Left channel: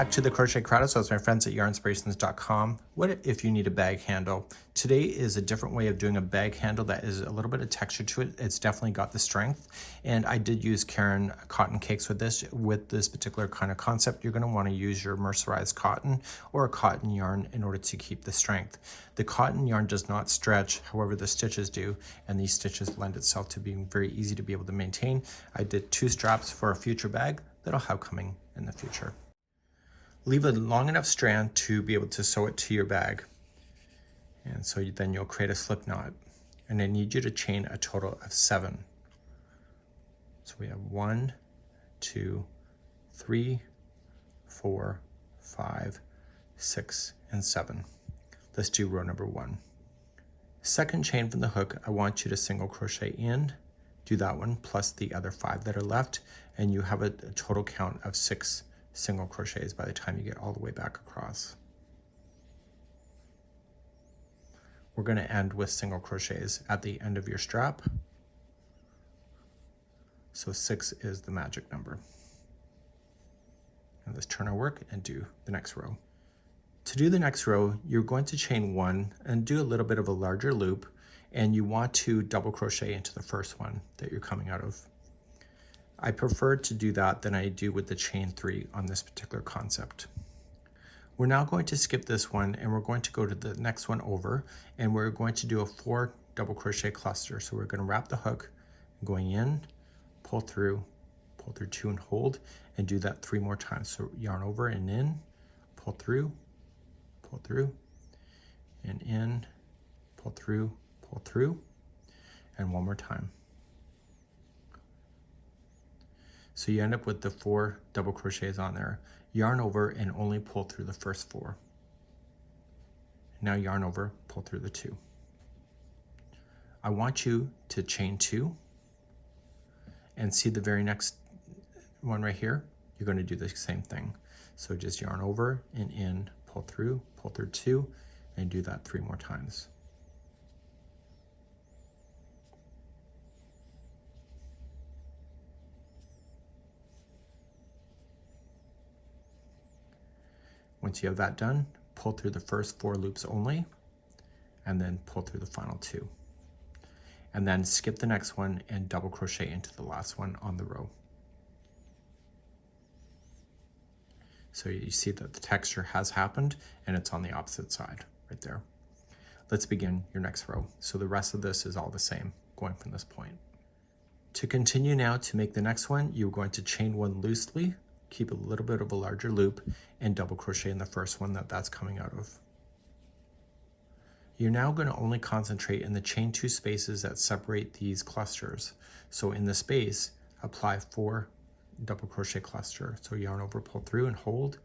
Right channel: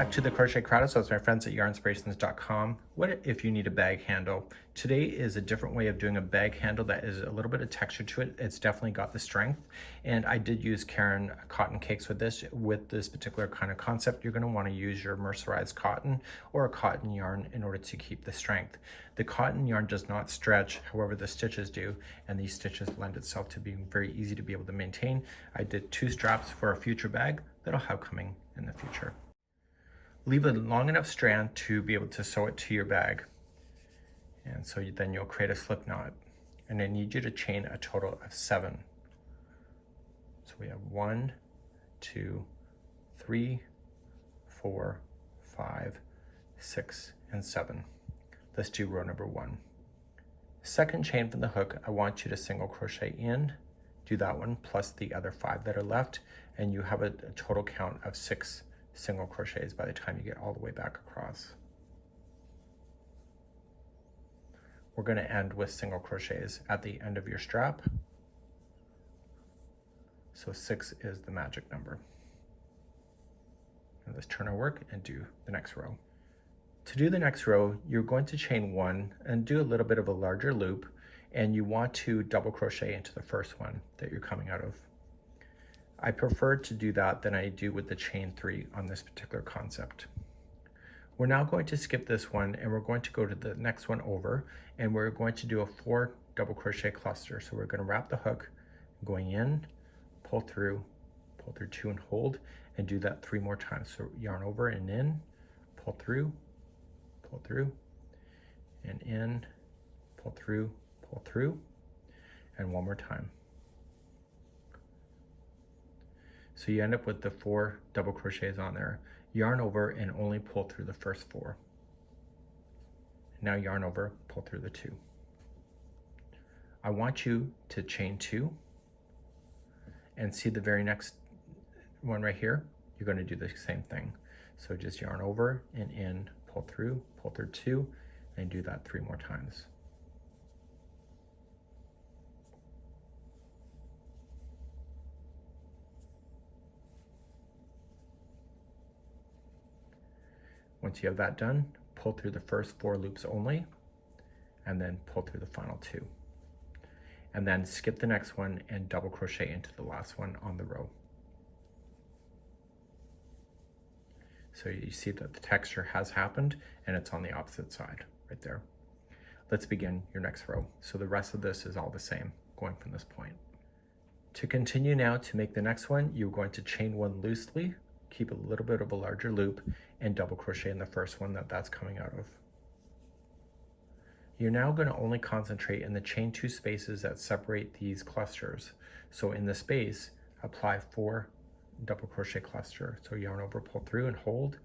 back to the Crochet Crowd. So it's my friends at yarnspirations.com. What if you need a bag handle? Today is a different way of doing a bag handle that is a little bit of texture to it. It's definitely got the strength. And I did use Karen cotton cakes with this particular kind of concept. You're going to want to use your mercerized cotton or a cotton yarn in order to keep the strength. The cotton yarn does not stretch, however the stitches do, and these stitches lend itself to being very easy to be able to maintain. I did 2 straps for a future bag that I'll have coming in the future. Leave a long enough strand to be able to sew it to your bag. And so then you'll create a slip knot. And I need you to chain a total of 7. So we have 1, 2, 3, 4, 5, 6, and 7. Let's do row number 1. Second chain from the hook, I want you to single crochet in, do that one, plus the other 5 that are left, and you have a total count of 6 single crochets by the time you get all the way back across. We're going to end with single crochets at the end of your strap. So 6 is the magic number. And let's turn our work and do the next row. To do the next row, you're going to chain 1 and do a little bit of a larger loop, and you want to double crochet into the first one that you're coming out of. I prefer to do that than I do with the chain 3 on this particular concept. We're now going to skip this one and we're going to go to the next one over, and we're going to do a 4 double crochet cluster. So we're going to wrap the hook, going in, pull through 2 and hold, and do that 3 more times. So yarn over and in, pull through, and in, pull through, and 1 more time. So you end up with the 4 double crochets on there. Yarn over and only pull through the first 4. Now yarn over, pull through the 2. I want you to chain 2 and see the very next one right here. You're going to do the same thing. So just yarn over and in, pull through 2, and do that 3 more times. Once you have that done, pull through the first 4 loops only, and then pull through the final 2. And then skip the next one and double crochet into the last one on the row. So you see that the texture has happened and it's on the opposite side right there. Let's begin your next row. So the rest of this is all the same going from this point. To continue now to make the next one, you're going to chain 1 loosely, keep a little bit of a larger loop, and double crochet in the first one that's coming out of. You're now going to only concentrate in the chain 2 spaces that separate these clusters. So in the space, apply 4 double crochet cluster. So yarn over, pull through, and hold,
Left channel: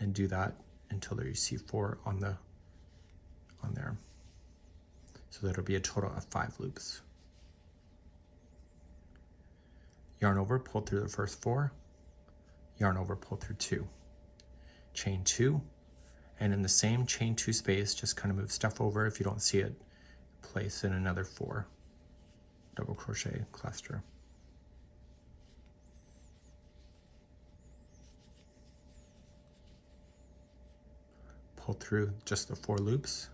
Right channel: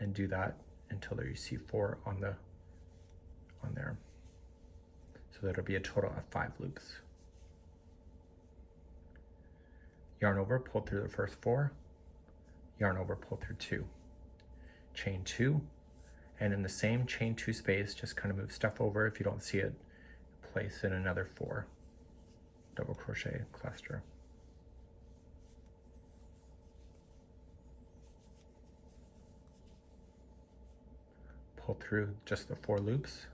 and do that until you see 4 on there. So that'll be a total of 5 loops. Yarn over, pull through the first 4, yarn over, pull through 2, chain 2, and in the same chain 2 space, just kind of move stuff over. If you don't see it, place in another 4 double crochet cluster. Pull through just the 4 loops,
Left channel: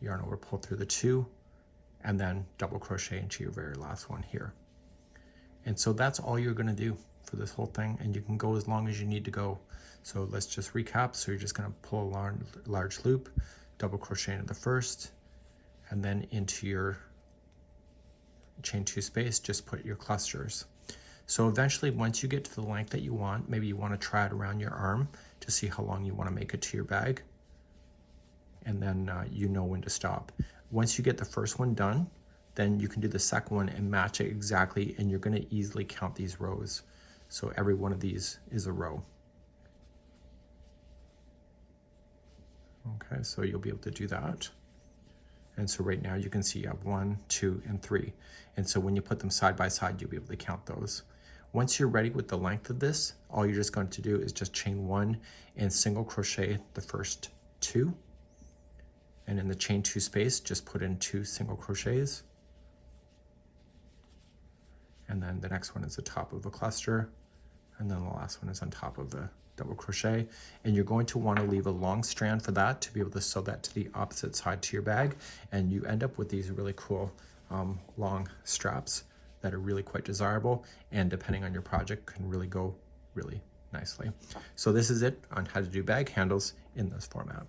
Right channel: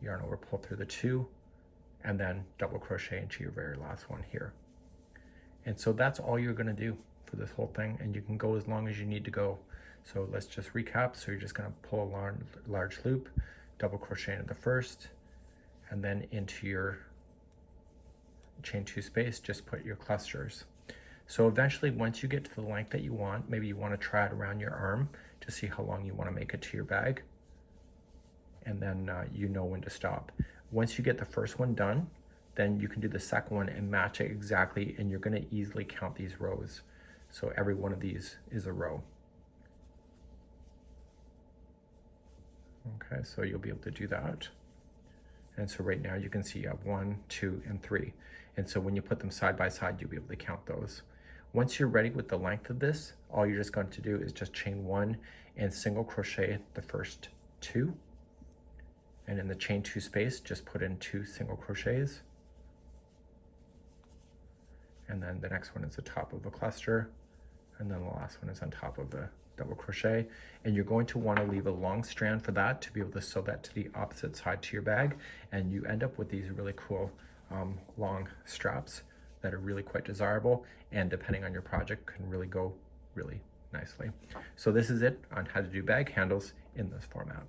yarn over, pull through the 2, and then double crochet into your very last one here. And so that's all you're going to do for this whole thing, and you can go as long as you need to go. So let's just recap. So you're just going to pull a large loop, double crochet into the first, and then into your chain 2 space, just put your clusters. So eventually, once you get to the length that you want, maybe you want to try it around your arm to see how long you want to make it to your bag, and then you know when to stop. Once you get the first one done, then you can do the second one and match it exactly, and you're going to easily count these rows. So every one of these is a row. Okay, so you'll be able to do that. And so right now you can see you have 1, 2, and 3. And so when you put them side by side, you'll be able to count those. Once you're ready with the length of this, all you're just going to do is just chain 1 and single crochet the first 2. And in the chain 2 space, just put in 2 single crochets. And then the next one is the top of a cluster, and then the last one is on top of the double crochet, and you're going to want to leave a long strand for that to be able to sew that to the opposite side to your bag, and you end up with these really cool long straps that are really quite desirable, and depending on your project can really go really nicely. So this is it on how to do bag handles in this format.